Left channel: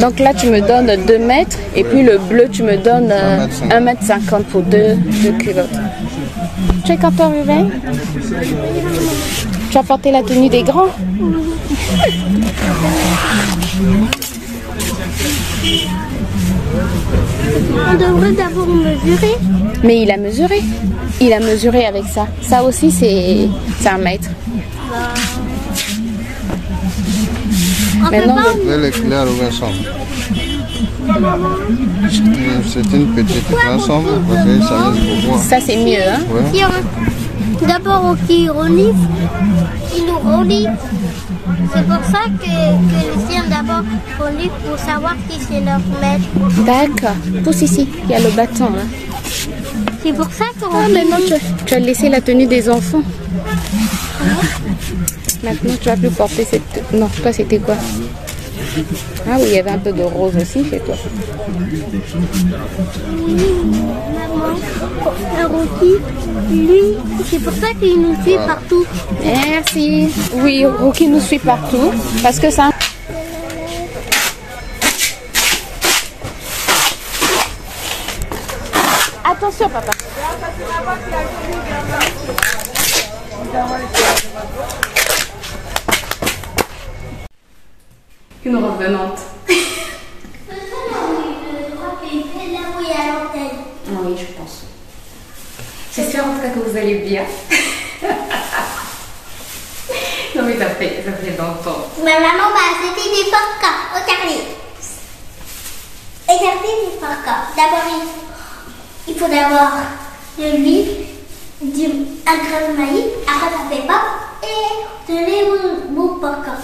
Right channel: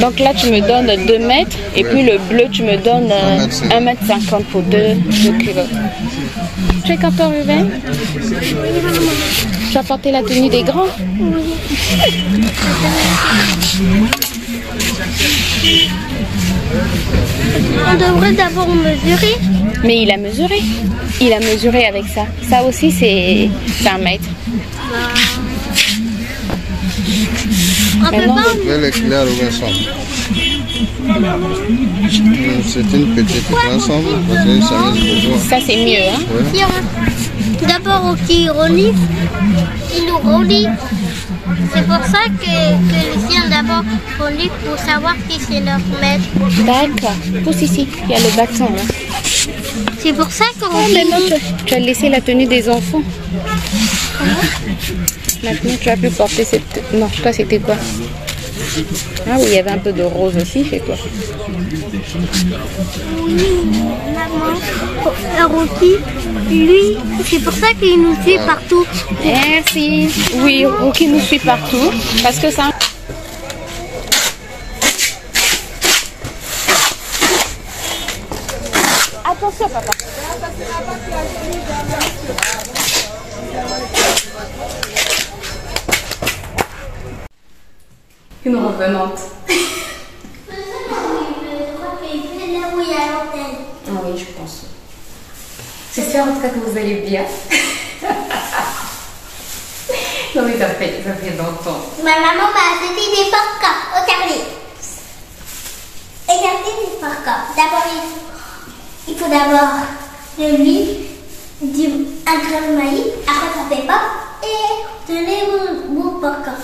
Donc là, tu me donnes 2 mètres et puis le bleu, tu me donnes 1,50 m pour 2 kilos. Tu es content, Ruben? Tu as porté la tenue des grands? On devrait d'abord mesurer. Mais il a mesuré. Il a mesuré avec ça. Ça aussi, c'est 1 mètre. Maintenant, Elle est claire, Vincent. C'est une petite ensemble. Ça, c'est mieux. Hein? Ouais. D'abord, qui relie, il nous relie. C'est pour ça que les chiens d'abord relient pour savoir si c'est leur maître. D'accord. Pousse ici. Il y a le bâton. Là. C'est pour ça qu'on maintenant, tu as laissé la tenue des enfants. Maintenant, tu as pu porter cette... Non, toi, c'était quoi? Ah oui, il y avait un peu de rose aussi, c'est quoi? Maman, Rocky, lui, c'est pour ça qu'il nous suit partout. Merci. Oui, Rocky nous suit partout, parce que ça... Attention, papa. Une revenante. Ah oui, je pense. J'espère en tout cas que vous allez bien. Non mais ça fait longtemps. Ma maman m'a acheté des parkas. Regardez. Regardez les parkas. D'abord, il faut d'abord de l'huile, un grain de maïs, après ça fait pas, et tenez vos parkas.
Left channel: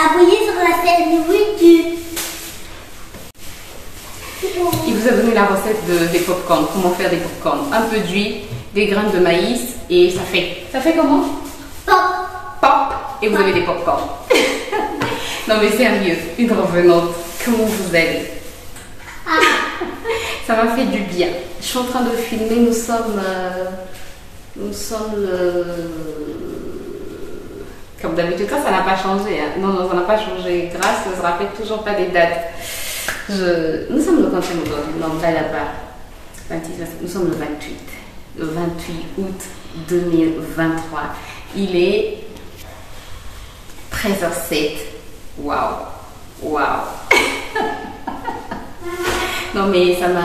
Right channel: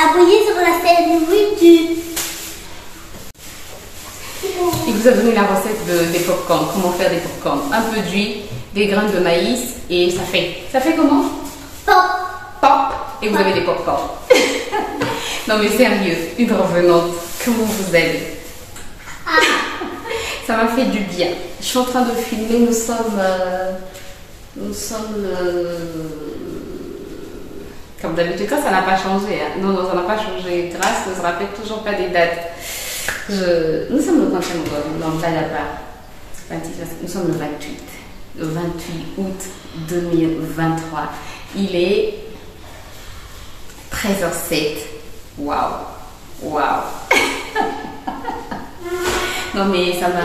Appuyez sur la scène, oui, Il vous a donné la recette des pop-corn, comment faire des pop-corn. Un peu d'huile, des graines de maïs et ça fait comment? Pop. Pop. Et vous avez des pop-corn. Non mais sérieux, une revenante, comment vous allez? Ça m'a fait du bien. Je suis en train de filmer, nous sommes comme d'habitude, ça n'a pas changé. Hein. Non, ça n'a pas changé. Grâce, je ne me rappelle toujours pas des dates. Nous sommes le 25 aujourd'hui, non, pas là-bas. Nous sommes le 28. Le 28 août 2023. Il est 13h07. Waouh. Non, mais ça m'a...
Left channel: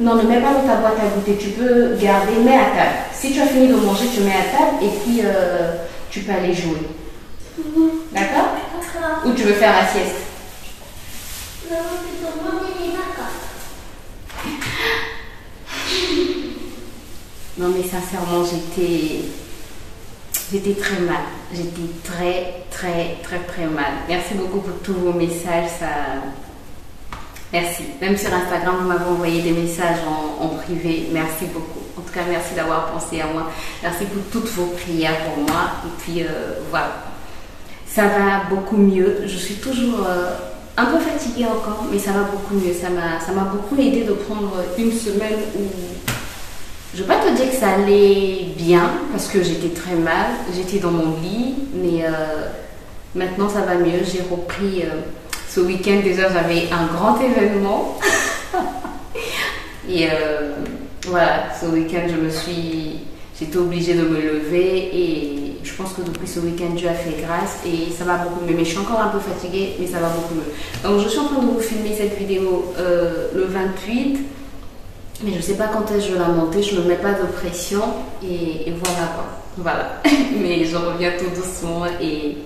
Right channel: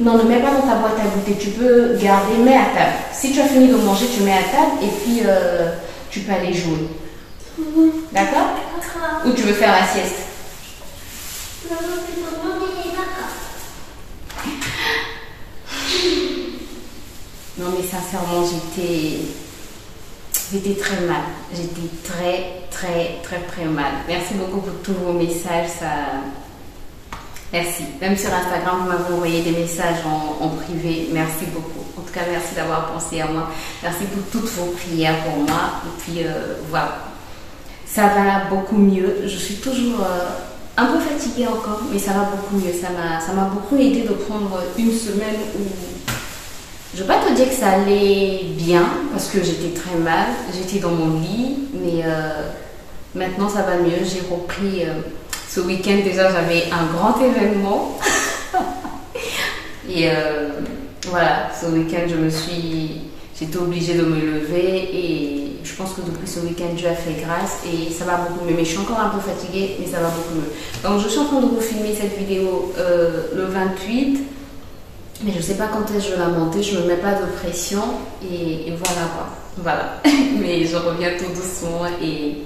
Non, ne mets pas dans ta boîte à goûter. Tu peux garder, mets à table. Si tu as fini de manger, tu mets à table et puis tu peux aller jouer. D'accord? Ou tu veux faire la sieste? Non, mais sincèrement, j'étais très mal. J'étais très mal. Merci beaucoup pour tous vos messages. Merci. Même sur Instagram, vous m'avez envoyé des messages en privé. Merci beaucoup. En tout cas, merci d'avoir pensé à moi. Merci pour toutes vos prières pour moi. Et puis, voilà. Ça va beaucoup mieux. Je suis toujours un peu fatiguée encore, mais ça va beaucoup mieux. Ça m'a beaucoup aidé de prendre une semaine où... Je ne vais pas te dire que ça allait bien, parce que j'étais très mal. J'étais dans mon lit, mais maintenant, ça va mieux. J'ai repris... Ce week-end, déjà, j'avais un grand événement. Et voilà, ce week-end, j'étais obligée de me lever. Et je pense que depuis ce week-end, Dieu a fait grâce. Et ça va beaucoup mieux. Mais je suis encore un peu fatiguée, mais ça va beaucoup mieux. Donc, je suis en train de vous filmer cette vidéo le 28. Mais je ne sais pas quand est-ce que je vais la monter. Je ne me mets pas de pression. Et voilà quoi. Voilà. Mais je reviens tout doucement et...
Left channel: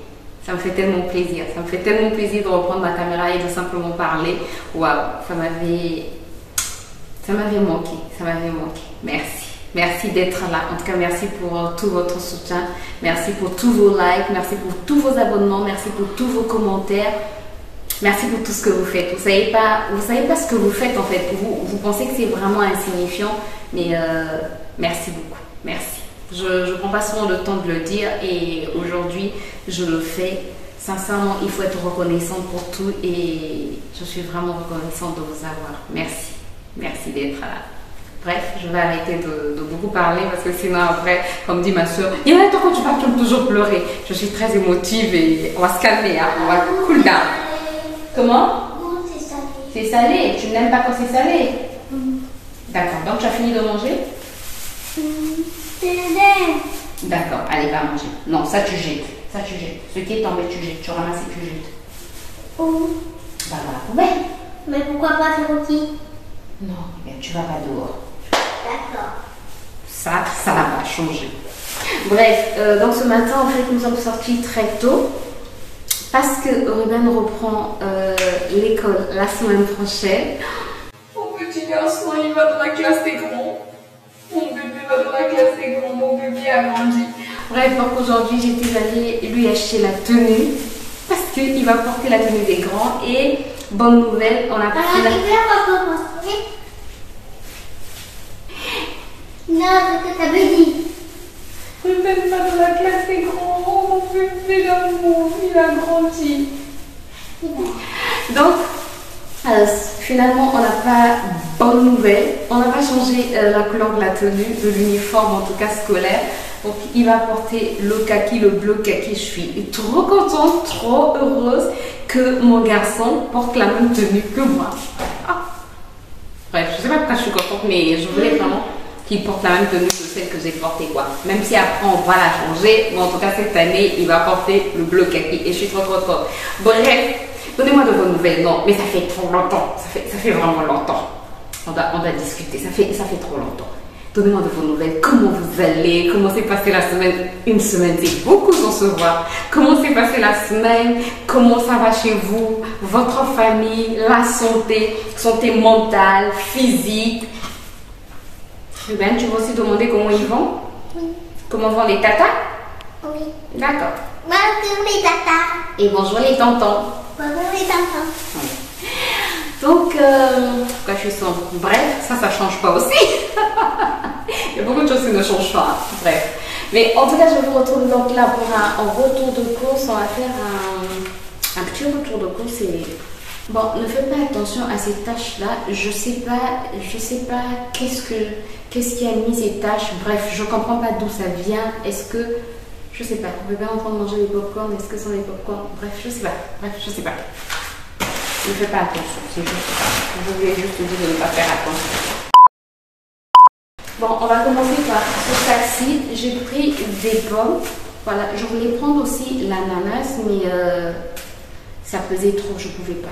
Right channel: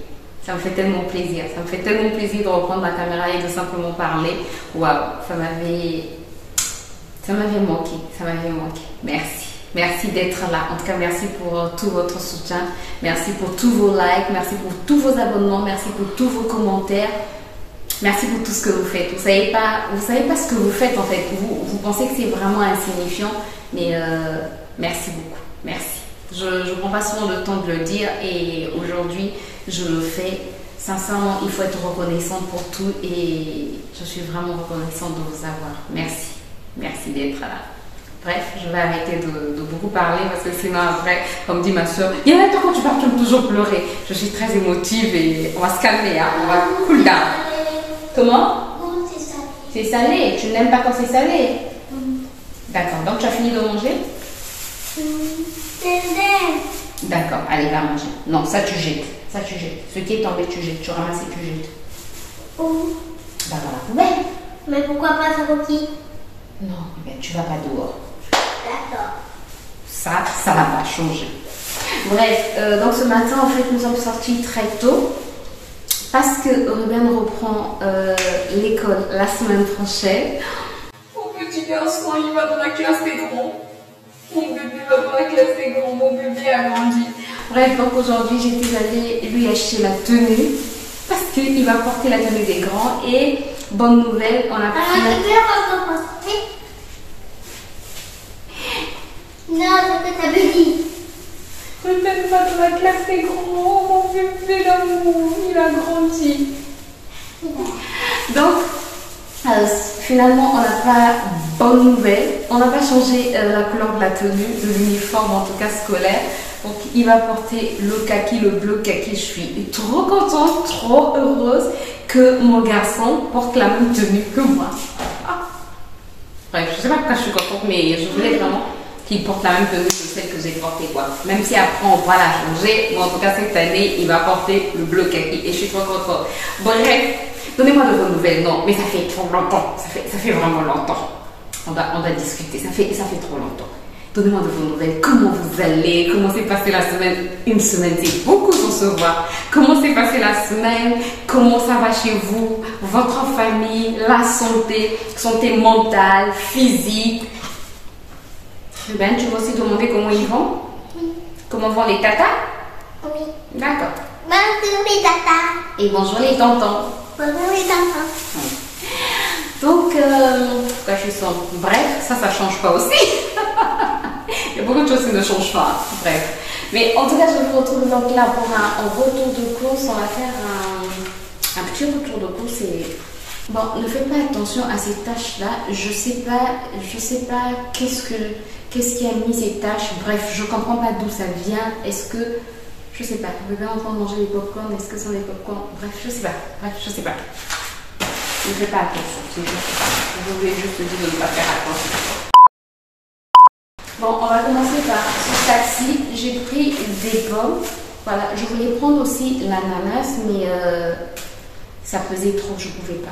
Ça me fait tellement plaisir. Ça me fait tellement plaisir de reprendre ma caméra et de simplement parler. Waouh, ça m'avait manqué. Ça m'avait manqué. Merci. Merci d'être là. En tout cas, merci pour tout votre soutien. Merci pour tous vos likes. Merci pour tous vos abonnements. Merci pour tous vos commentaires. Merci pour tout ce que vous faites. Vous savez pas ce que vous faites en fait. Vous pensez que c'est vraiment insignifiant. Mais merci beaucoup. Merci. Je ne prends pas souvent le temps de le dire et aujourd'hui je le fais. Sincèrement, il faut être reconnaissante pour tout et je suis vraiment reconnaissante de vous avoir. Merci. Merci d'être là. Bref, je vais arrêter de beaucoup parler parce que sinon après, comme dit ma soeur, il y a un temps quand tu pars, tu vas toujours pleurer. Je suis très émotive et on va se calmer, hein, on va cool down. Comment? C'est salé. C'est salé. Tu n'aimes pas quand c'est salé? D'accord, donc tu as fini de manger? D'accord, allez, va manger. Non, ça tu jettes. Ça tu jettes. Ce qui est tombé, tu jettes. Tu ramasses et tu jettes. Où? Bah dans la poubelle. Mais pourquoi pas faire rôti? Non, eh bien, tu vas pas dehors. D'accord. Ça va pas changer. Bref, donc ce matin, en fait, nous sommes sortis très tôt parce que Ruben reprend l'école la semaine prochaine. Mon petit garçon, il va dans la classe des grands. Mon bébé va dans la classe des grands. Mon bébé a grandi. Bref, donc aujourd'hui, j'étais allée lui acheter la tenue parce qu'il va porter la tenue des grands. Et bonne nouvelle, on a pris la... Non, c'est ce que t'avais dit. Ruben va dans la classe des grands. Oh, mon bébé d'amour, il a grandi. Donc, finalement, on n'a pas bonne nouvelle. On n'a pas changé la couleur de la tenue, de l'uniforme, en tout cas scolaire. Donc, il va porter le kaki, le bleu kaki. Je suis trop contente, trop heureuse que mon garçon porte la même tenue que moi. Ah. Bref, je ne sais pas pourquoi je suis contente, mais je voulais vraiment qu'il porte la même tenue que celle que j'ai portée, quoi. Même si après on va la changer, mais en tout cas cette année, il va porter le bleu kaki et je suis trop contente. Bref, donnez-moi de vos nouvelles. Non, mais ça fait trop longtemps. Ça fait vraiment longtemps. On doit discuter. Ça fait trop longtemps. Donnez-moi de vos nouvelles. Comment vous allez? Comment s'est passée la semaine? Une semaine, c'est beaucoup sans se voir. Comment s'est passée la semaine? Comment ça va chez vous? Votre famille? La santé mentale, physique? Ruben, tu vas aussi demander comment ils vont? Oui. Comment vont les tatas? Oui. D'accord. Bonjour les tatas. Et bonjour les tontons. Bonjour les enfants. Oui. Donc, pourquoi je suis sombre? Bref, ça change pas aussi. Il y a beaucoup de choses qui ne changent pas. Bref. Mais en tout cas, je vous retrouve donc là pour un retour de course. On va faire un petit retour de course. Et... bon, ne faites pas attention à ces tâches-là. Je sais pas qu'est-ce qui a mis ces tâches. Bref, je comprends pas d'où ça vient. Est-ce que, je sais pas, vous êtes en train de manger des pop-corn? Est-ce que ce sont des pop-corn? Bref, je sais pas. Ne faites pas attention, c'est juste ça. Je voulais juste te dire de ne pas faire attention. Bon, on va commencer par ce sac-ci. J'ai pris des pommes. Voilà, je voulais prendre aussi l'ananas, mais ça pesait trop, je pouvais pas.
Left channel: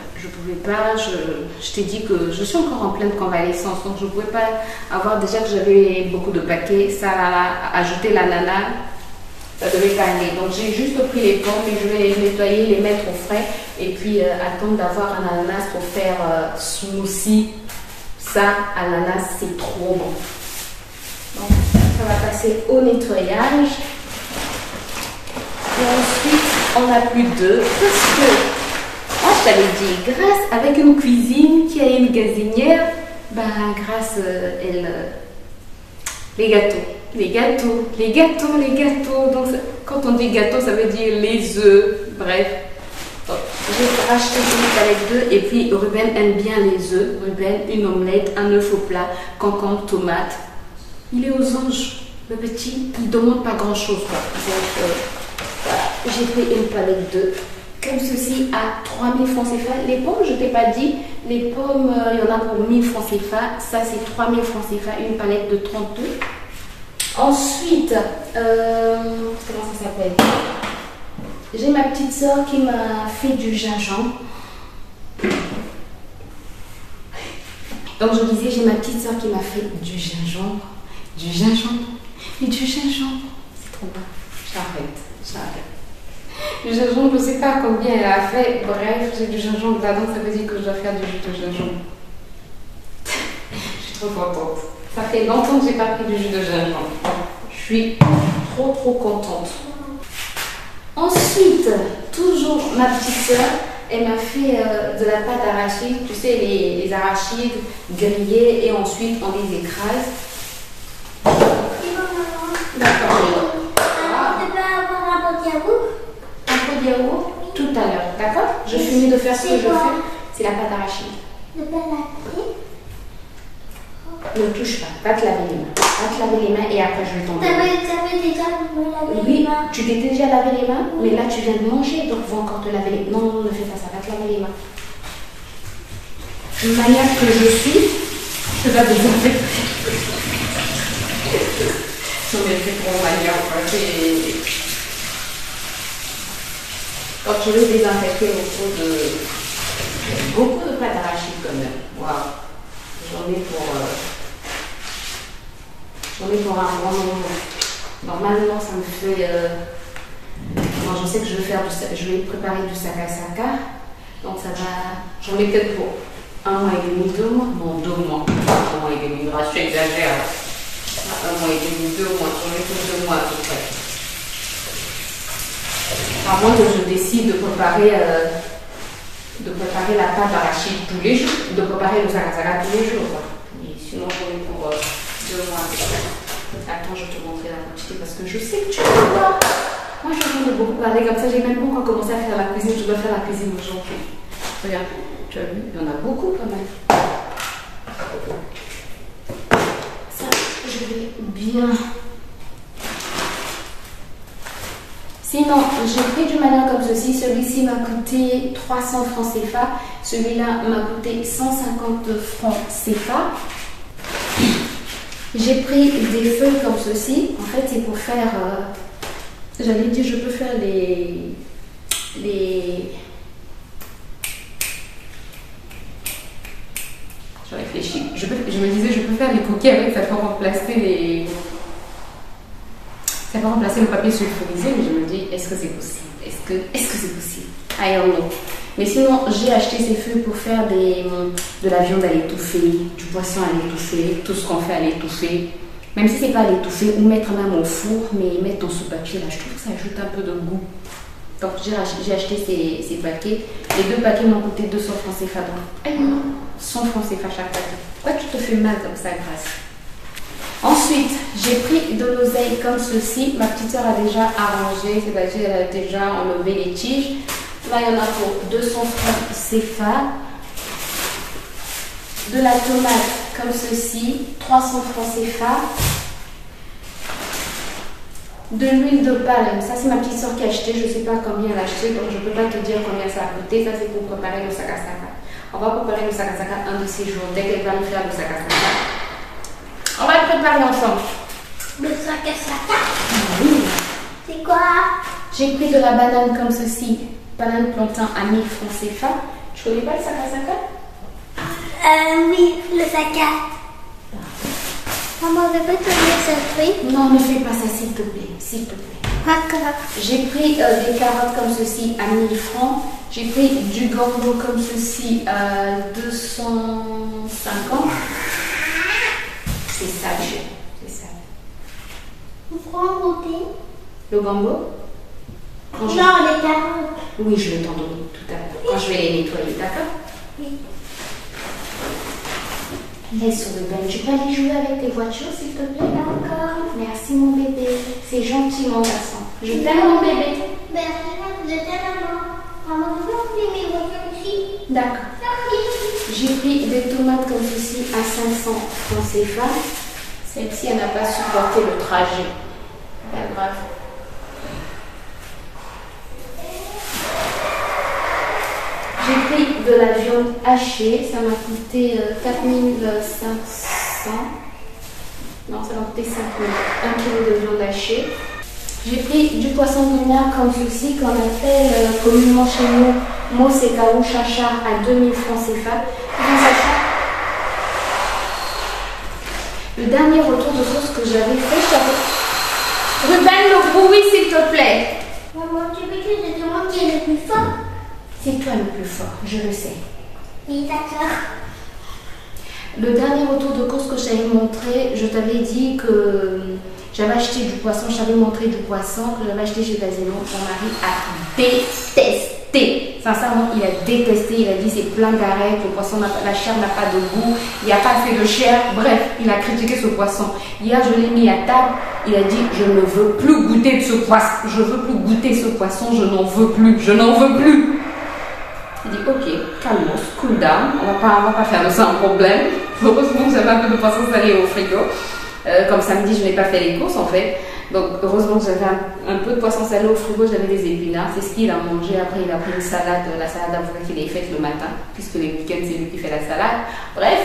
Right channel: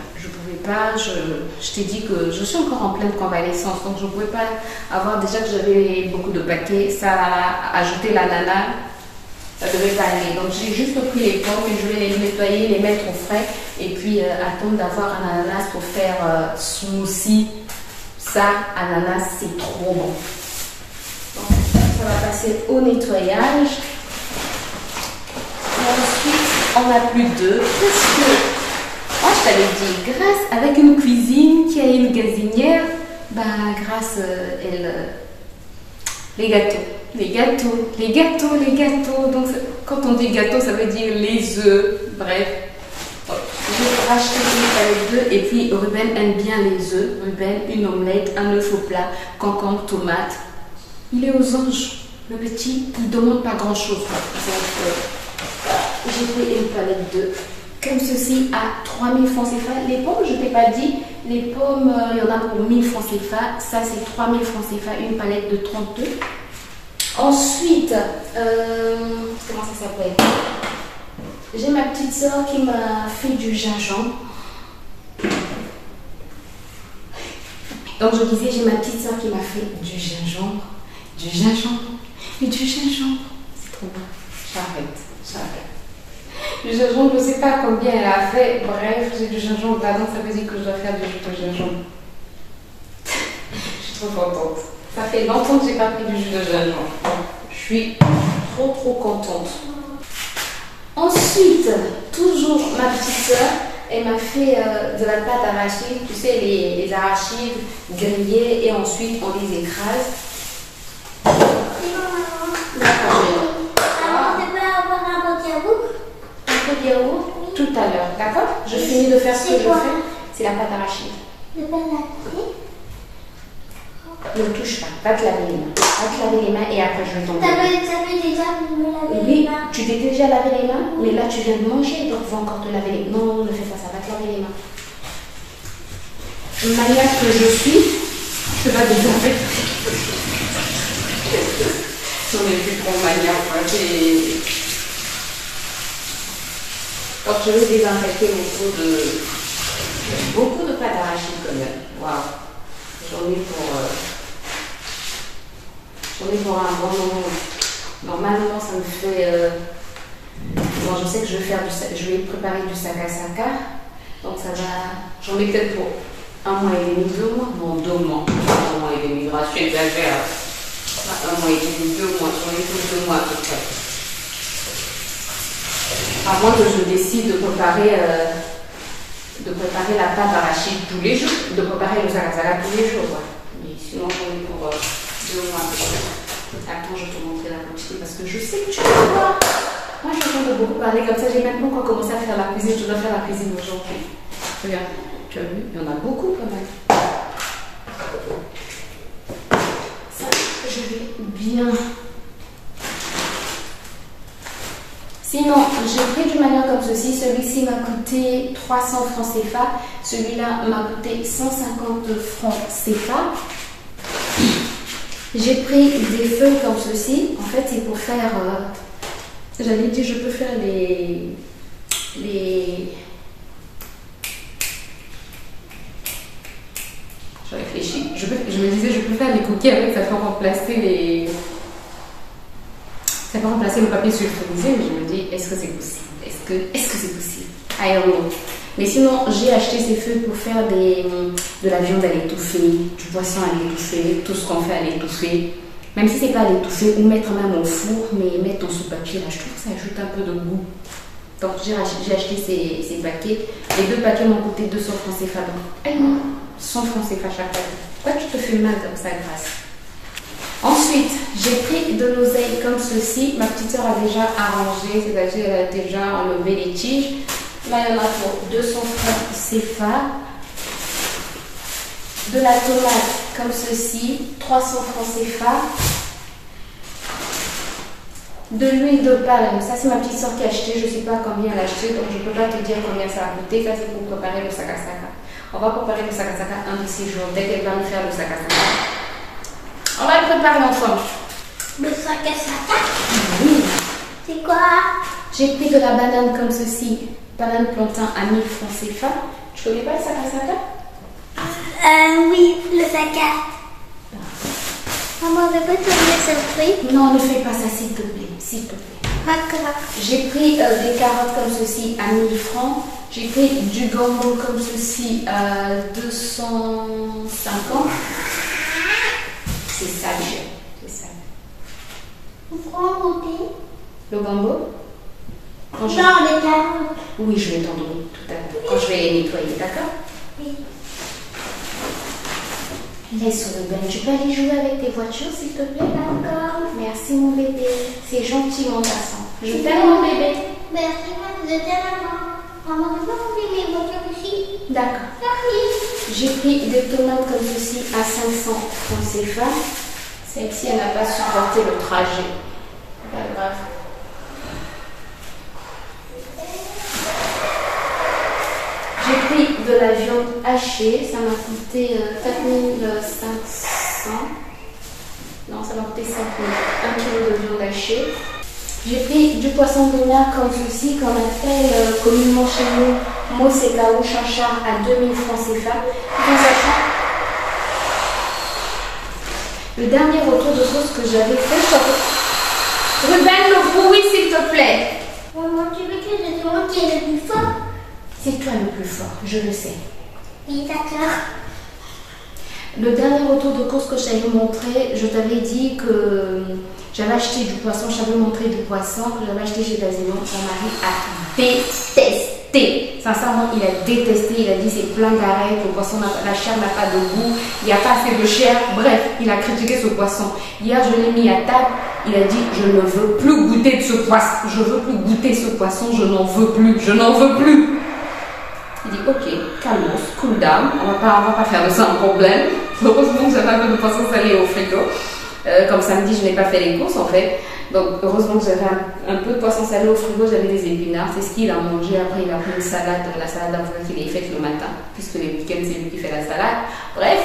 Je t'ai dit que je suis encore en pleine convalescence, donc je ne pouvais pas avoir, déjà que j'avais beaucoup de paquets, ça a ajouté l'ananas, ça devait pas aller. Donc j'ai juste pris les pommes et je vais les nettoyer, les mettre au frais et puis attendre d'avoir un ananas pour faire smoothie. Ça, ananas, c'est trop bon. Donc ça va passer au nettoyage. Et ensuite, on n'a plus d'œufs parce que, moi je t'avais dit, Grâce, avec une cuisine qui a une gazinière, bah Grâce, les gâteaux. Donc quand on dit gâteau, ça veut dire les œufs. Bref, j'ai racheté une palette d'œufs et puis Ruben aime bien les œufs. Ruben, une omelette, un œuf au plat, concombre, tomate. Il est aux anges. Le petit, il ne demande pas grand chose. J'ai pris une palette d'œufs comme ceci à 3000 francs CFA. Les pommes, je ne t'ai pas dit, les pommes, il y en a pour 1000 francs CFA. Ça, c'est 3000 francs CFA, une palette de 30 œufs. Ensuite, comment ça s'appelle? J'ai ma petite soeur qui m'a fait du gingembre. Donc, je disais, j'ai ma petite soeur qui m'a fait du gingembre. Mais du gingembre, c'est trop bon. J'arrête. Du gingembre, je ne sais pas combien elle a fait. Bref, j'ai du gingembre là, donc ça veut dire que je dois faire du jus de gingembre. Je suis trop contente. Ça fait longtemps que j'ai pas pris du jus de gingembre. Je suis trop contente. Ensuite, toujours ma petite soeur, elle m'a fait de la pâte d'arachide. Tu sais, les arachides grillés et ensuite on les écrase. D'accord. Tu peux avoir un pot de yaourt? Un peu de yaourt tout à l'heure, d'accord? Je finis de faire ce que je fais. C'est la pâte d'arachide. Le pain lacté? ne touche pas. Va te laver les mains. Va te laver les mains et après je vais t'en donner. T'avais déjà me laver les Oui, mains. tu t'es déjà lavé les mains, mais là tu viens de manger, donc va encore te laver les mains. Non, ne fais pas ça, va te laver les mains. Une manière que je suis, je te vais désinfecter. Non mais c'est trop manière, quoi. Donc je vais désinfecter beaucoup de pâte d'arachide quand même. Waouh. J'en ai pour un bon moment. Normalement, ça me fait. Bon, je sais que je vais préparer du sakasaka. Donc ça va. J'en ai peut-être pour 1 mois et demi, 2 mois. Non, 2 mois. 1 mois et demi, grâce, j'exagère. 1 mois et demi, 2 mois. J'en ai pour 2 mois à peu près. À moins que je décide de préparer la pâte d'arachide tous les jours, de préparer le sakasaka tous les jours. Quoi. Mais sinon, j'en ai pour 2 mois à peu près. Attends, je vais te montrer la quantité parce que je sais que tu vas voir. Moi, je suis en train de beaucoup parler comme ça. J'ai même pas encore commencé à faire la cuisine. Je dois faire la cuisine aujourd'hui. Regarde, tu as vu, il y en a beaucoup quand même. Ça, je vais bien. Sinon, j'ai pris d'une manière comme ceci. Celui-ci m'a coûté 300 francs CFA. Celui-là m'a coûté 150 francs CFA. J'ai pris des feuilles comme ceci. En fait, c'est pour faire... j'allais dire, je peux faire les... Je réfléchis. Je me disais, je peux faire les cookies avec, ça peut remplacer les... Ça peut remplacer le papier sulfurisé, mais je me dis, est-ce que c'est possible? Est-ce que c'est possible? I don't know. Mais sinon, j'ai acheté ces feuilles pour faire de la viande à l'étouffer, du poisson à l'étouffer, tout ce qu'on fait à l'étouffer. Même si c'est pas à l'étouffer, ou mettre même au four, mais mettre dans ce papier là, je trouve que ça ajoute un peu de goût. Donc j'ai acheté ces paquets. Les 2 paquets m'ont coûté 200 francs CFA. Donc 100 francs CFA chaque paquet. Pourquoi tu te fais mal comme ça, Grâce? Ensuite, j'ai pris de l'oseille comme ceci. Ma petite soeur a déjà arrangé, c'est-à-dire elle a déjà enlevé les tiges. Là, il y en a pour 200 francs CFA. De la tomate comme ceci, 300 francs CFA. De l'huile de palme, ça c'est ma petite soeur qui a acheté, je ne sais pas combien elle a acheté, donc je ne peux pas te dire combien ça a coûté. Ça c'est pour préparer le sakasaka. On va préparer le sakasaka un de ces jours, dès qu'elle va me faire le sakasaka. On va le préparer ensemble. Le sakasaka? Oui. C'est quoi? J'ai pris de la banane comme ceci, banane plantain à 1000 francs CFA. Tu connais pas le sakasaka? Oui, le saka. Maman, je peux te dire ce truc? Non, ne fais pas ça s'il te plaît, s'il te plaît. D'accord. J'ai pris des carottes comme ceci à 1000 francs. J'ai pris du gombo comme ceci à 250. C'est ça que j'ai. C'est ça. Vous pouvez en goûter? Le gombo? Non, les carottes. Oui, je vais t'en donner tout à l'heure. Quand je vais les nettoyer, d'accord? Oui. Laisse sur le bain. Tu peux aller jouer avec tes voitures, s'il te plaît? D'accord. Merci, mon bébé. C'est gentil, mon garçon. Je t'aime, mon bébé. Merci, je t'aime, maman. Maman, vous pouvez enlever mes voitures ici? D'accord. Merci. J'ai pris des tomates comme ceci à 500 francs CFA. Celle-ci, elle n'a pas supporté le trajet. Pas grave. J'ai pris de la viande hachée. Ça m'a coûté 4500. Non, ça m'a coûté 5000. 1 kg de viande hachée. J'ai pris du poisson gruyère comme ceci, qu'on appelle communément chez nous Mosekao Chanchard à 2000 francs CFA. Dans sachant, le dernier retour de sauce que j'avais fait, Ruben, le bruit s'il te plaît. Maman, tu veux que je te demande qui est le plus fort? C'est toi le plus fort, je le sais. Oui, d'accord. Le dernier retour de course que je t'avais montré, je t'avais dit que j'avais acheté du poisson, je t'avais montré du poisson que j'avais acheté chez Casino. Mon mari a détesté. Sincèrement, il a détesté. Il a dit c'est plein d'arêtes, le poisson, la chair n'a pas de goût, il n'y a pas assez de chair. Bref, il a critiqué ce poisson. Hier, je l'ai mis à table. Il a dit je ne veux plus goûter de ce poisson. Je veux plus goûter ce poisson. Je n'en veux plus. Je n'en veux plus. J'ai dit ok, calmos, cool down, on va pas faire de ça un problème. Heureusement j'avais un peu de poisson salé au frigo. Comme samedi je n'ai pas fait les courses en fait. Donc heureusement j'avais un peu de poisson salé au frigo, j'avais des épinards. C'est ce qu'il a mangé. Après il a pris une salade, la salade d'avocat qu'il a faite le matin, puisque les week-ends c'est lui qui fait la salade. Bref.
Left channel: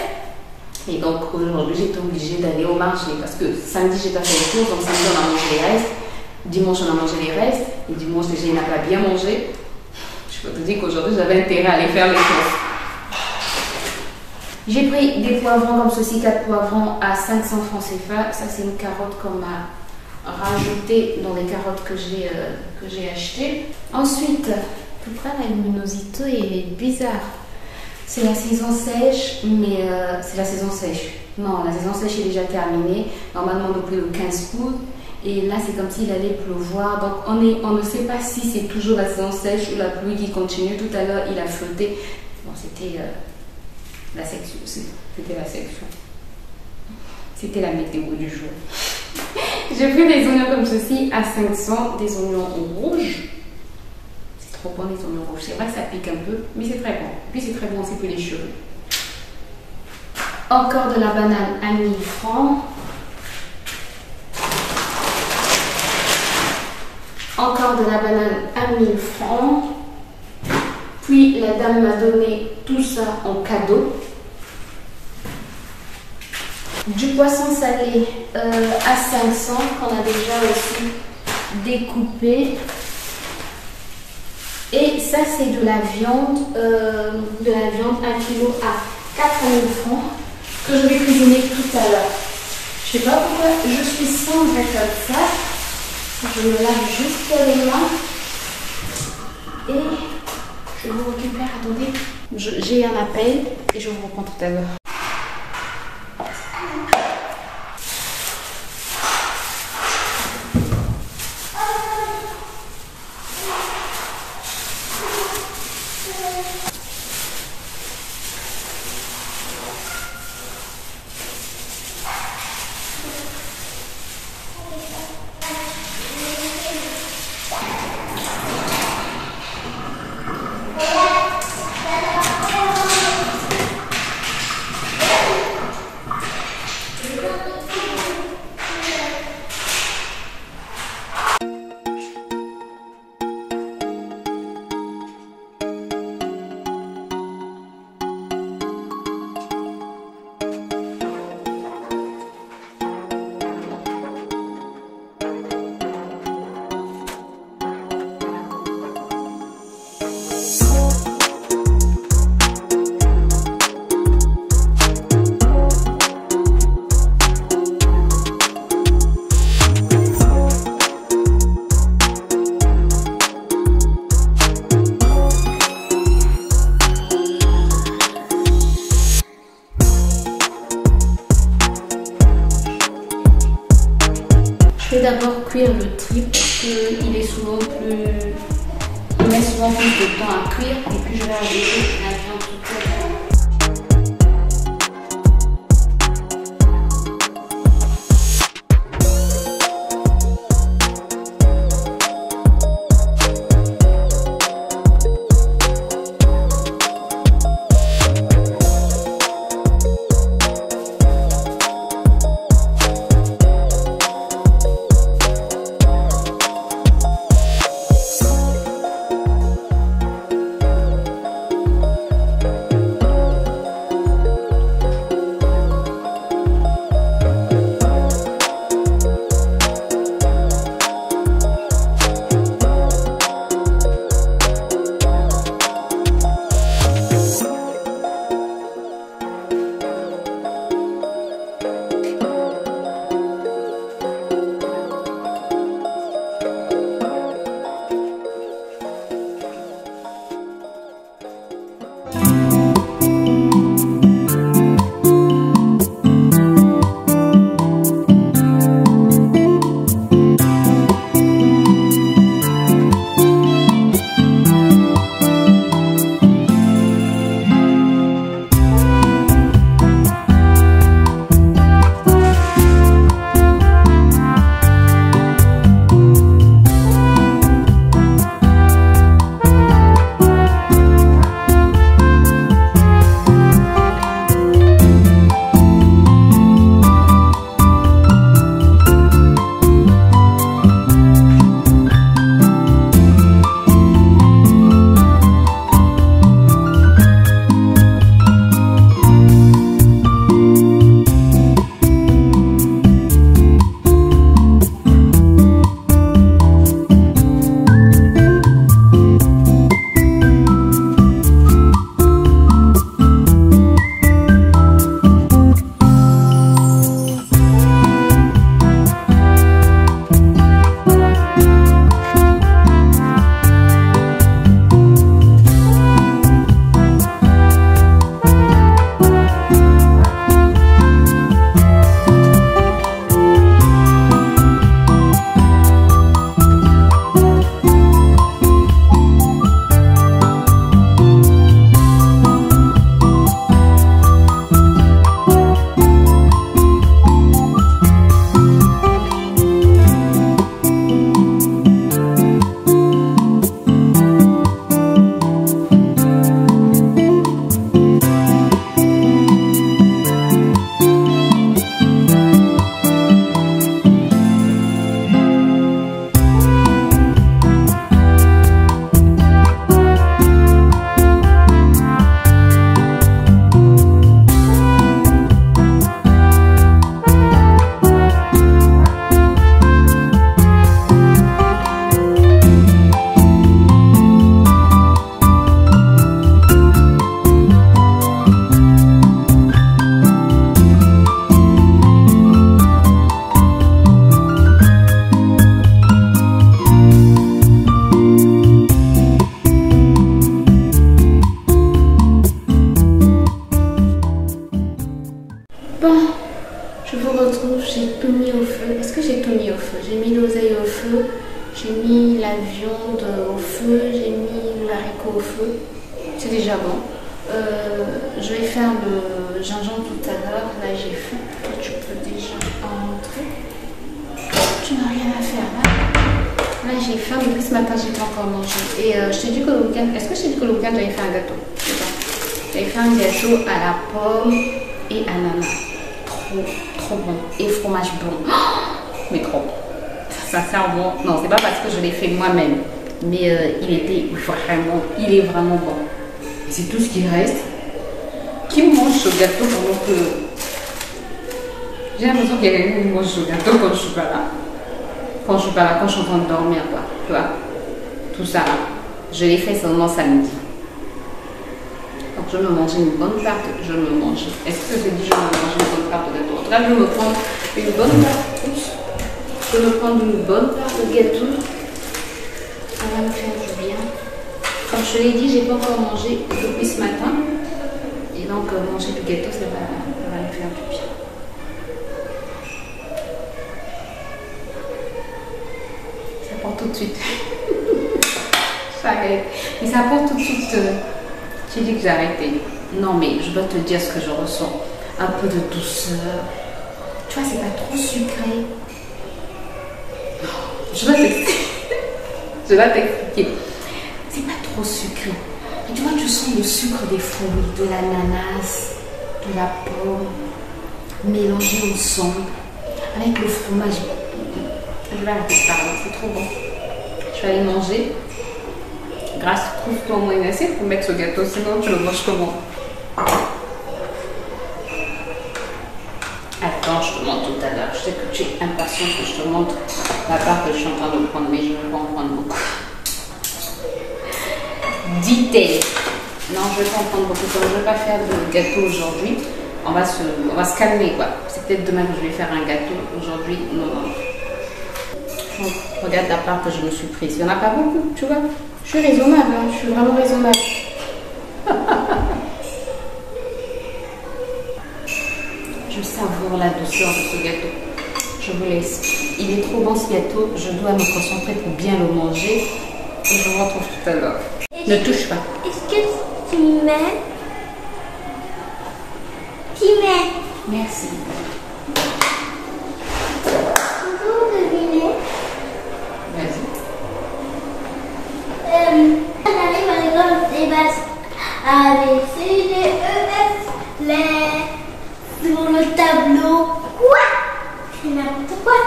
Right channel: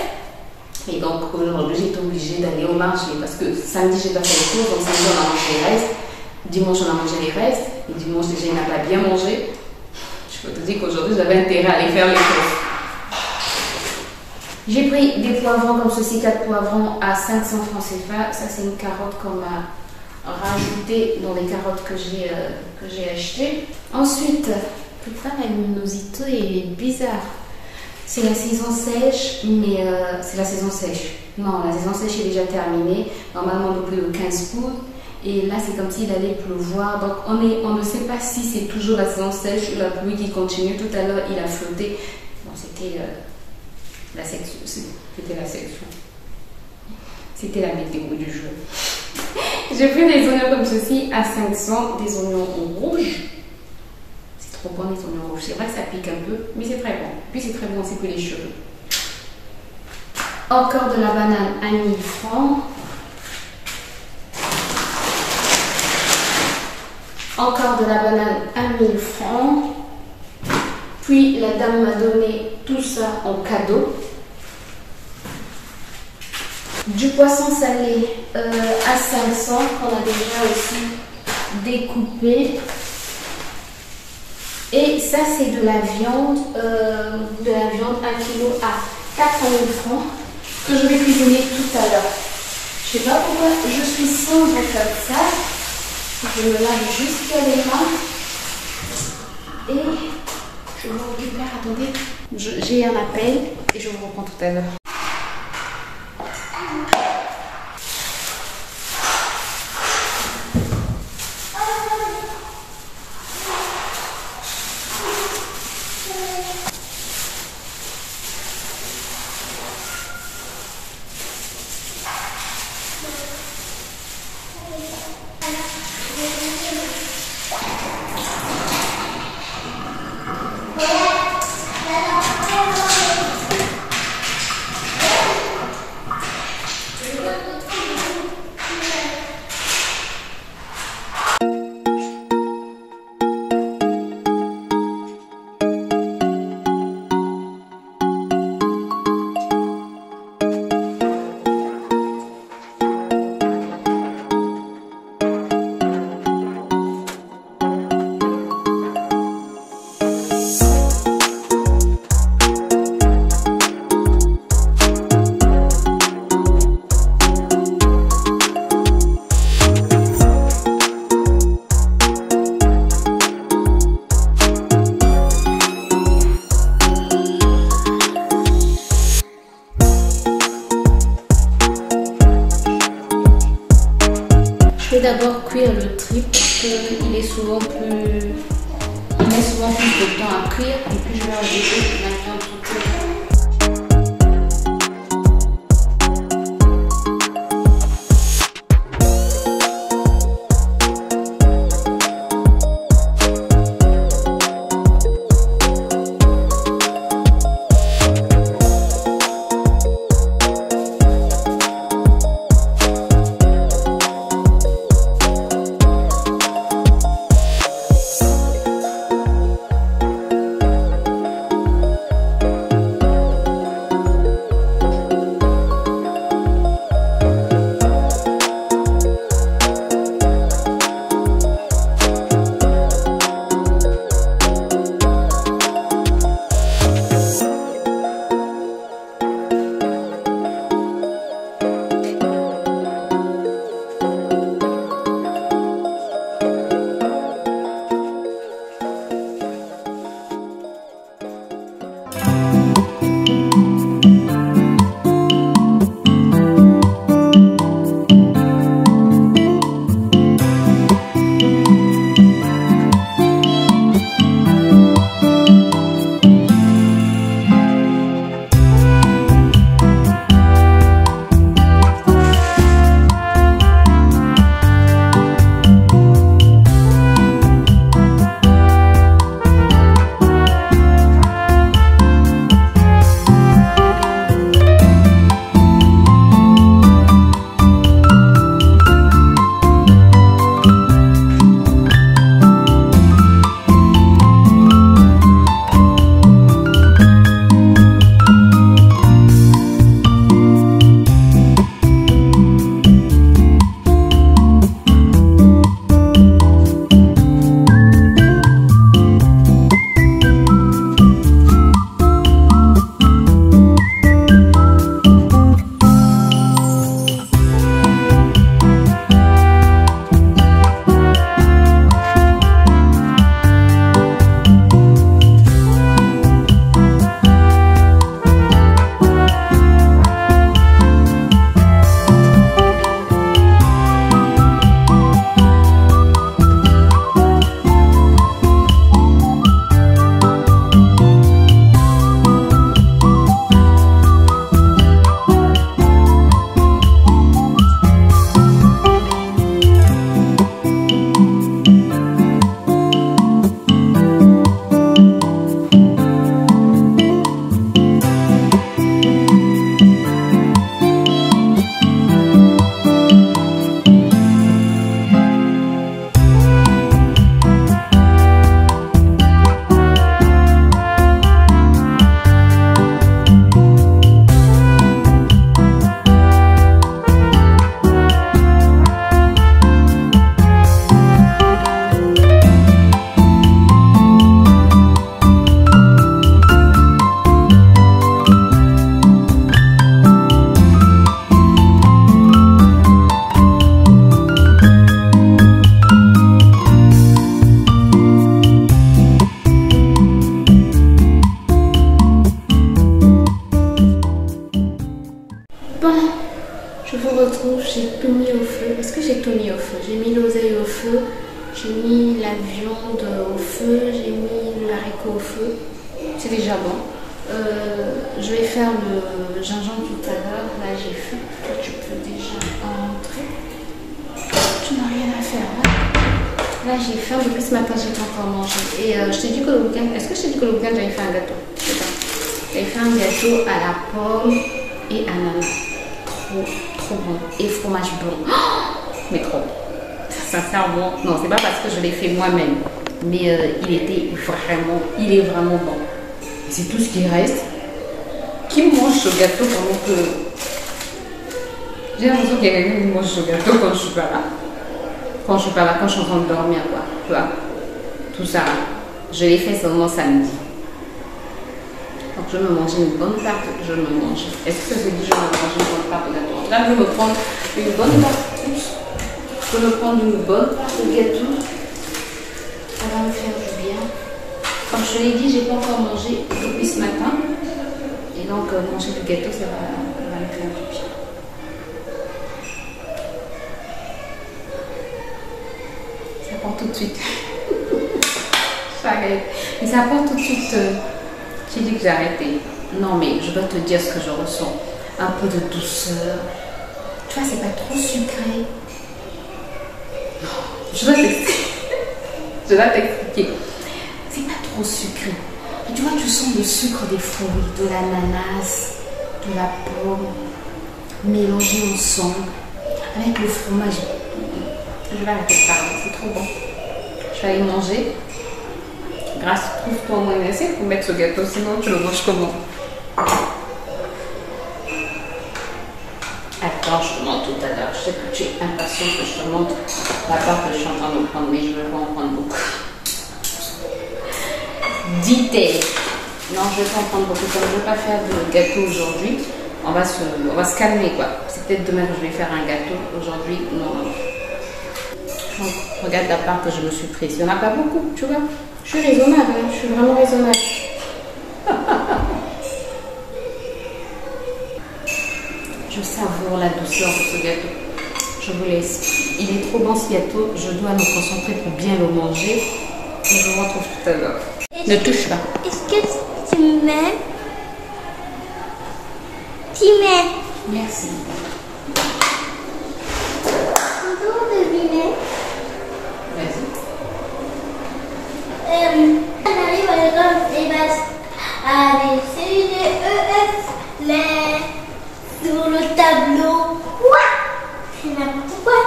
Et donc aujourd'hui j'étais obligée d'aller au marché parce que samedi j'ai pas fait les courses, donc samedi on a mangé les restes. Dimanche on a mangé les restes. Et dimanche déjà il n'a pas bien mangé. Je peux te dire qu'aujourd'hui j'avais intérêt à aller faire les courses. J'ai pris des poivrons comme ceci, 4 poivrons à 500 francs CFA. Ça c'est une carotte qu'on m'a rajoutée dans les carottes que j'ai achetées. Ensuite, putain la luminosité est bizarre. C'est la saison sèche, mais c'est la saison sèche. Non, la saison sèche est déjà terminée. Normalement depuis le 15 août. Et là, c'est comme s'il allait pleuvoir. Donc, on ne sait pas si c'est toujours la saison sèche ou la pluie qui continue. Tout à l'heure, il a flotté. Bon, c'était la section. C'était la section. C'était la météo du jour. J'ai pris des oignons comme ceci à 500. Des oignons rouges. C'est trop bon, les oignons rouges. C'est vrai que ça pique un peu, mais c'est très bon. Puis, c'est très bon aussi pour les cheveux. Encore de la banane à 1000 francs. Encore de la banane à 1000 francs. Puis la dame m'a donné tout ça en cadeau. Du poisson salé à 500 qu'on a déjà aussi découpé. Et ça c'est de la viande 1 kg à 4000 francs que je vais cuisiner tout à l'heure. Je sais pas pourquoi je suis sombre comme ça. Je me lave juste les mains et je vous récupère. Attendez, j'ai un appel et je vous reprends tout à l'heure. Je vais d'abord cuire le truc parce qu'il est souvent plus... Il met souvent plus de temps à cuire et puis je vais ajouter la viande toute faite. J'ai mis l'oseille au feu, j'ai mis la viande au feu, j'ai mis l'haricot au feu. C'est déjà bon. Je vais faire le gingembre tout à l'heure. Là, j'ai faim. Toi, tu peux déjà entrer. Tu n'as rien à faire là. Là, j'ai faim. Depuis ce matin, j'ai pas encore mangé. Et je t'ai dit que le week-end. Est-ce que je t'ai dit que le week-end, j'avais fait un gâteau? Je sais pas. J'avais fait un gâteau à la pomme et ananas. Trop bon. Et fromage blanc. Oh, mais trop bon. Sincèrement, non, c'est pas parce que je l'ai fait moi-même, mais il est vraiment bon. C'est tout ce qui reste. Qui mange ce gâteau pendant que... J'ai l'impression qu'il y a quelqu'un qui mange ce gâteau quand je suis pas là. Quand je suis pas là, quand je suis en train de dormir, quoi. Tu vois, tout ça là. Je l'ai fait seulement samedi. Donc je me mangeais une bonne part, je me mangeais. Est-ce que ça se dit je me mangeais une bonne part de gâteau? En tout cas, je vais me prendre une bonne part plus. Je vais me prendre une bonne part de gâteau. Ça va me faire du bien. Comme je te l'ai dit, j'ai pas encore mangé depuis ce matin. Et donc manger du gâteau, ça va me faire du bien. Ça part tout de suite. J'arrête. Mais ça part tout de suite. J'ai dit que j'arrêtais. Non, mais je dois te dire ce que je ressens. Un peu de douceur. Tu vois, c'est pas trop sucré. Je dois t'expliquer. Je dois t'expliquer. C'est pas trop sucré. Mais tu vois, tu sens le sucre des fruits, de l'ananas, de la pomme, mélangé ensemble avec le fromage. Je vais arrêter de parler, c'est trop bon. Je vais aller manger. Grâce, trouve-toi au moins une assiette pour mettre ce gâteau, sinon tu le manges comment? Attends, je te montre tout à l'heure. Je sais que tu es impatient que je te montre la part que je suis en train de prendre, mais je ne vais pas en prendre beaucoup. Dit-elle. Non, je ne vais pas en prendre beaucoup. Comme je ne vais pas faire de gâteau aujourd'hui, on va se calmer, quoi. C'est peut-être demain que je vais faire un gâteau. Aujourd'hui, non. Donc, regarde la part que je me suis prise. Il n'y en a pas beaucoup, tu vois. Je suis raisonnable, hein. Je suis vraiment raisonnable. Je savoure la douceur de ce gâteau. Je vous laisse. Il est trop bon ce gâteau. Je dois me concentrer pour bien le manger. Et je vous retrouve tout à l'heure. Ne touche pas. Est-ce que tu m'aimes? Tu m'aimes? Merci. Bonjour, devinez. Vas-y. J'arrive à l'école des bases. A, B, C, D, E, F, les... Sur le tableau. Quoi? C'est n'importe quoi.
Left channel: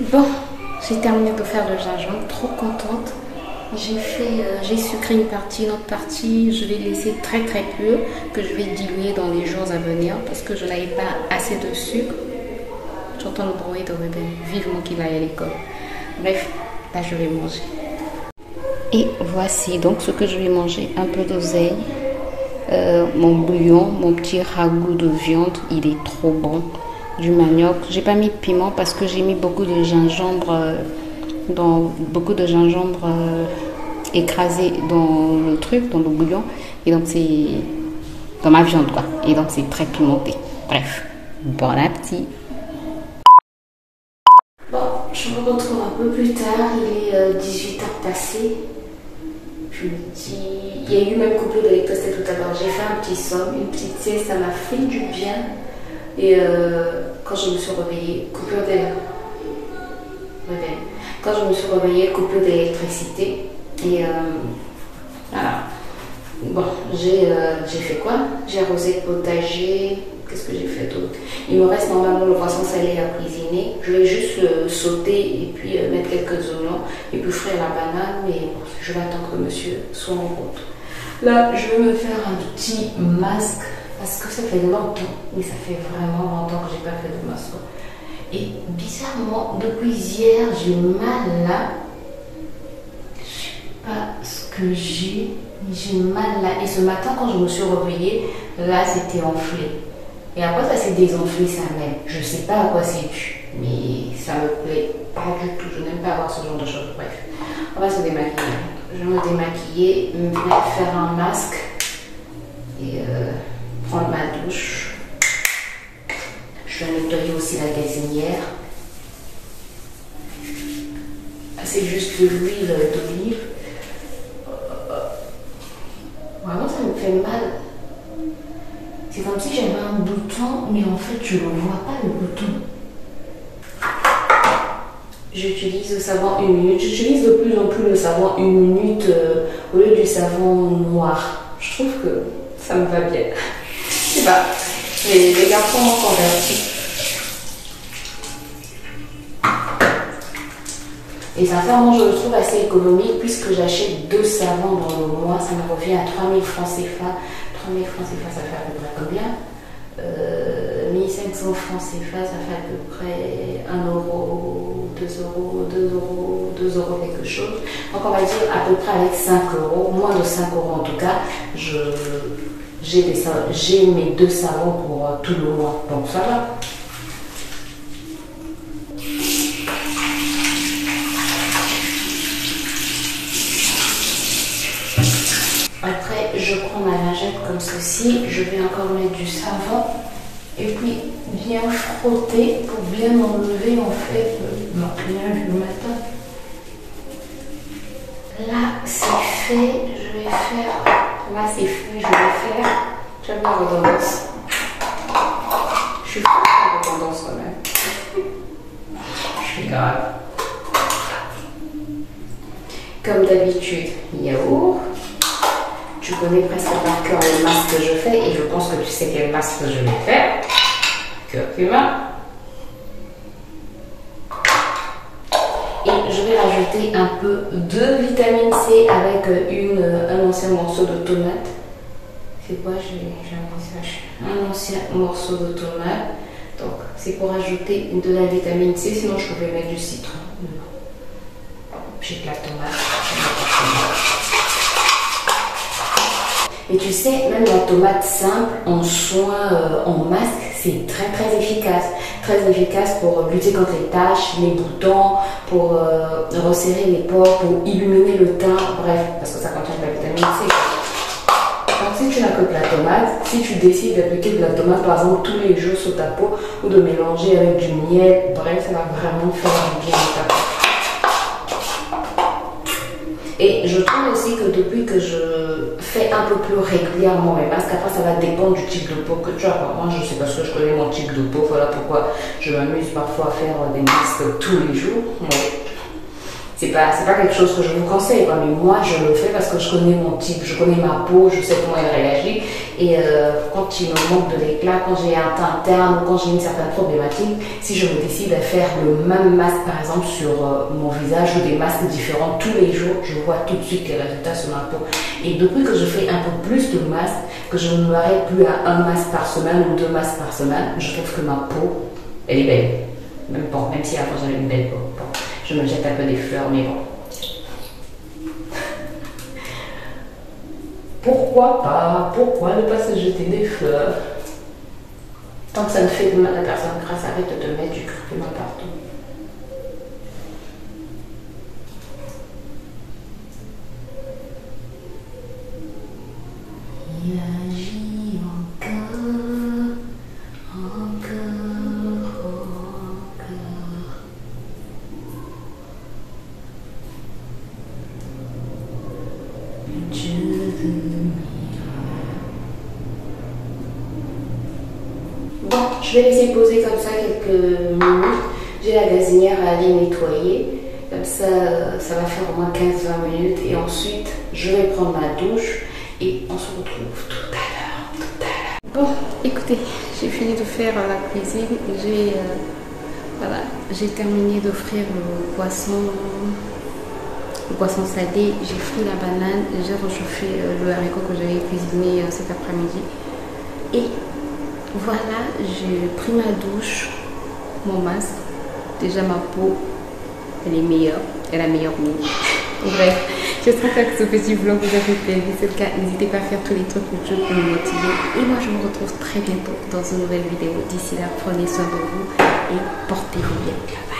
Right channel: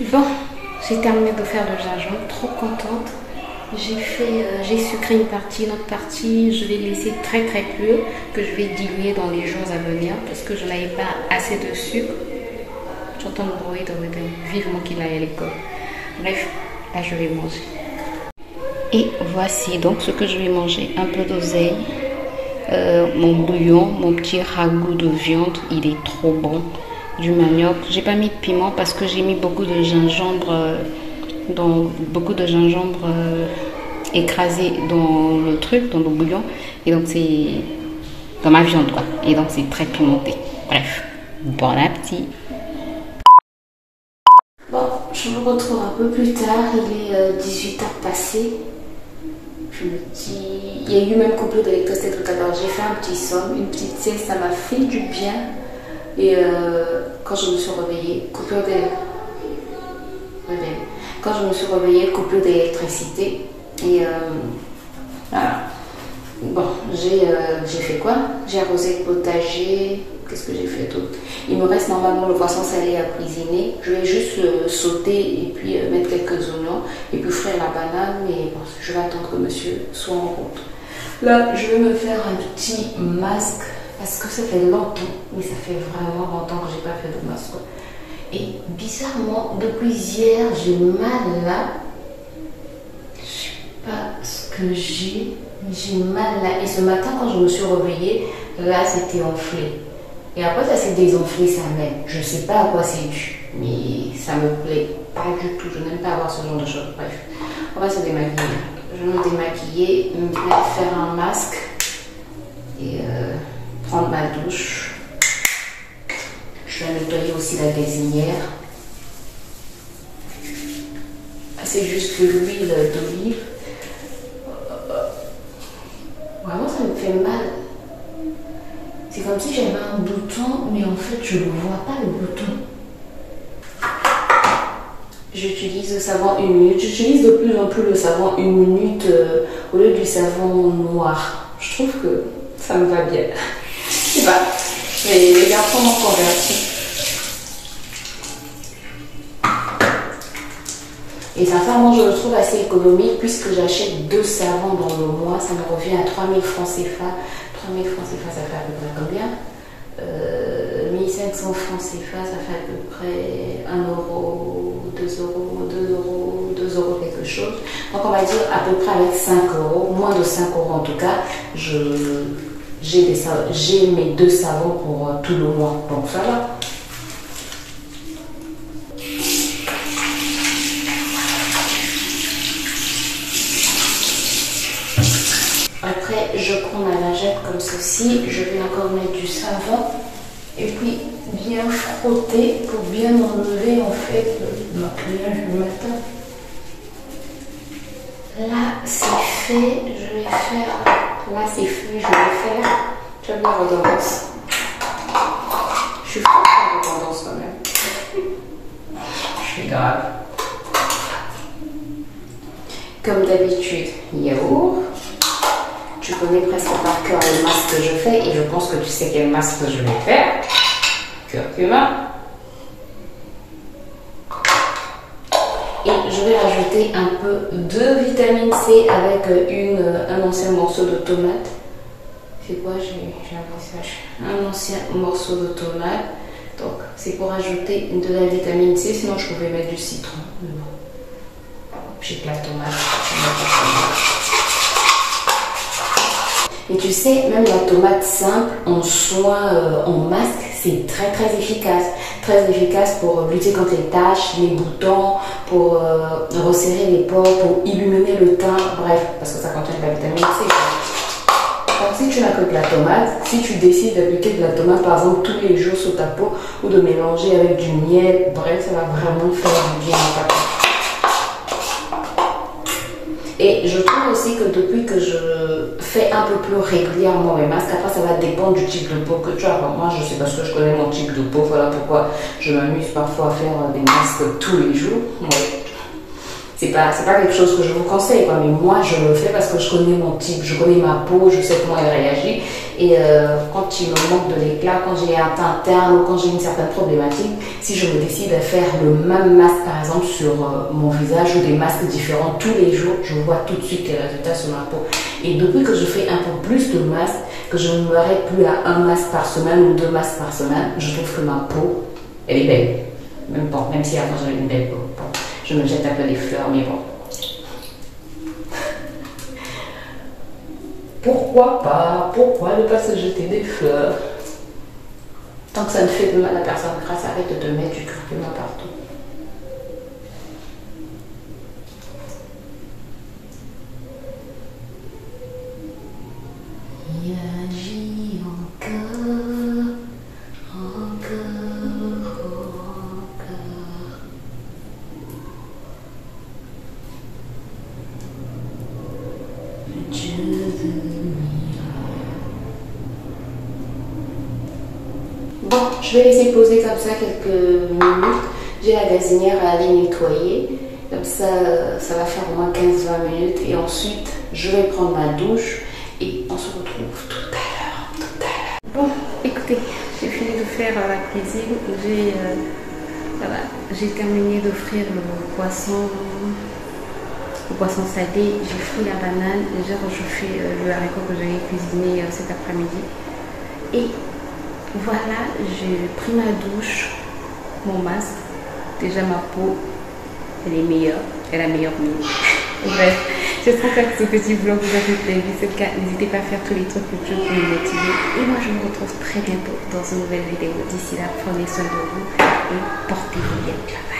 Bon, j'ai terminé de faire le gingembre, trop contente. J'ai sucré une partie, une autre partie, je vais laisser très pur, que je vais diluer dans les jours à venir parce que je n'avais pas assez de sucre. J'entends le bruit de Ruben, vivement qu'il aille à l'école. Bref, là je vais manger. Et voici donc ce que je vais manger. Un peu d'oseille, mon bouillon, mon petit ragoût de viande, il est trop bon. Du manioc, j'ai pas mis de piment parce que j'ai mis beaucoup de gingembre écrasé dans le truc, dans le bouillon, et donc c'est dans ma viande quoi, et donc c'est très pimenté. Bref, bon appétit. Bon, je vous retrouve un peu plus tard, il est 18h passé. Je me dis, il y a eu même coupure d'électricité tout à l'heure, j'ai fait un petit somme, une petite sieste, ça m'a fait du bien. Et quand je me suis réveillée, coupure d'électricité. Et voilà. Bon, j'ai fait quoi? J'ai arrosé le potager. Qu'est-ce que j'ai fait d'autre? Il me reste normalement le poisson salé à cuisiner. Je vais juste le sauter et puis mettre quelques oignons et puis frire la banane. Mais bon, je vais attendre que monsieur soit en route. Là, je vais me faire un petit masque. Parce que ça fait longtemps, mais ça fait vraiment longtemps que j'ai pas fait de masque. Et bizarrement, depuis hier, j'ai mal là. Je sais pas ce que j'ai, mais j'ai mal là. Et ce matin, quand je me suis réveillée, là, c'était enflé. Et après, ça s'est désenflé, ça m'aide. Je sais pas à quoi c'est dû, mais ça me plaît pas du tout. Je n'aime pas avoir ce genre de choses. Bref, on va se démaquiller. Je vais me démaquiller, me faire un masque et prendre ma douche. Je vais nettoyer aussi la gazinière. C'est juste de l'huile d'olive. Vraiment, ça me fait mal. C'est comme si j'avais un bouton, mais en fait, je ne vois pas le bouton. J'utilise le savon 1 minute. J'utilise de plus en plus le savon 1 minute au lieu du savon noir. Je trouve que ça me va bien. Je sais pas, mais les garçons m'ont converti. Et sincèrement, je le trouve assez économique puisque j'achète 2 savons dans le mois. Ça me revient à 3000 francs CFA. 3000 francs CFA, ça fait à peu près combien? 1500 francs CFA, ça fait à peu près 1 euro, 2 euros quelque chose. Donc on va dire à peu près avec 5 euros, moins de 5 euros en tout cas, j'ai mes 2 savons pour tout le mois, donc ça va. Après, je prends ma lingette comme ceci, je vais encore mettre du savon et puis bien frotter pour bien enlever en fait le maquillage du matin. Là, c'est fait, je vais faire. Là, c'est fait, je vais faire. Tu as la redondance. Je suis forte à la redondance quand même. Je suis grave. Comme d'habitude, yaourt. Tu connais presque par cœur les masques que je fais et je pense que tu sais quel masque je vais faire. Curcuma. Et je vais rajouter un peu de vitamine C avec un ancien morceau de tomate. C'est quoi? J'ai un ancien morceau de tomate. Donc c'est pour ajouter de la vitamine C. Sinon je pouvais mettre du citron. J'ai de la tomate. Et tu sais, même la tomate simple en soin, en masque, c'est très efficace. Très efficace pour lutter contre les taches, les boutons, pour resserrer les pores, pour illuminer le teint, bref, parce que ça contient de la vitamine C. Donc si tu n'as que de la tomate, si tu décides d'appliquer de la tomate par exemple tous les jours sur ta peau, ou de mélanger avec du miel, bref, ça va vraiment faire du bien à ta peau. Et je trouve aussi que depuis que je fais un peu plus régulièrement mes masques, après ça va dépendre du type de peau que tu as. Moi je sais parce que je connais mon type de peau, voilà pourquoi je m'amuse parfois à faire des masques tous les jours. C'est pas quelque chose que je vous conseille, quoi, mais moi je le fais parce que je connais mon type, je connais ma peau, je sais comment elle réagit Et quand il me manque de l'éclat, quand j'ai un teint terne ou quand j'ai une certaine problématique, si je me décide à faire le même masque par exemple sur mon visage ou des masques différents tous les jours, je vois tout de suite les résultats sur ma peau. Et depuis que je fais un peu plus de masques, que je ne m'arrête plus à un masque par semaine ou 2 masques par semaine, je trouve que ma peau, elle est belle. Même si avant j'avais une belle peau. Bon, je me jette un peu des fleurs, mais bon. Pourquoi pas? Pourquoi ne pas se jeter des fleurs? Tant que ça ne fait de mal à personne, grâce, arrête de te mettre du curcuma partout. Il agit encore, encore. Bon, je vais laisser poser comme ça quelques minutes. J'ai la gazinière à aller nettoyer. Comme ça, ça va faire au moins 15-20 minutes. Et ensuite, je vais prendre ma douche. Et on se retrouve tout à l'heure. Bon, écoutez, j'ai fini de faire la cuisine. J'ai terminé d'offrir le poisson salé. J'ai frit la banane. J'ai réchauffé le haricot que j'avais cuisiné cet après-midi. Et voilà, j'ai pris ma douche, mon masque. Déjà ma peau, elle est meilleure, elle a meilleure mine. Bref, j'espère que ce petit vlog vous a fait plaisir. Si c'est le cas, n'hésitez pas à faire tous les trucs que pour me motiver. Et moi, je vous retrouve très bientôt dans une nouvelle vidéo. D'ici là, prenez soin de vous et portez-vous bien. Bye bye.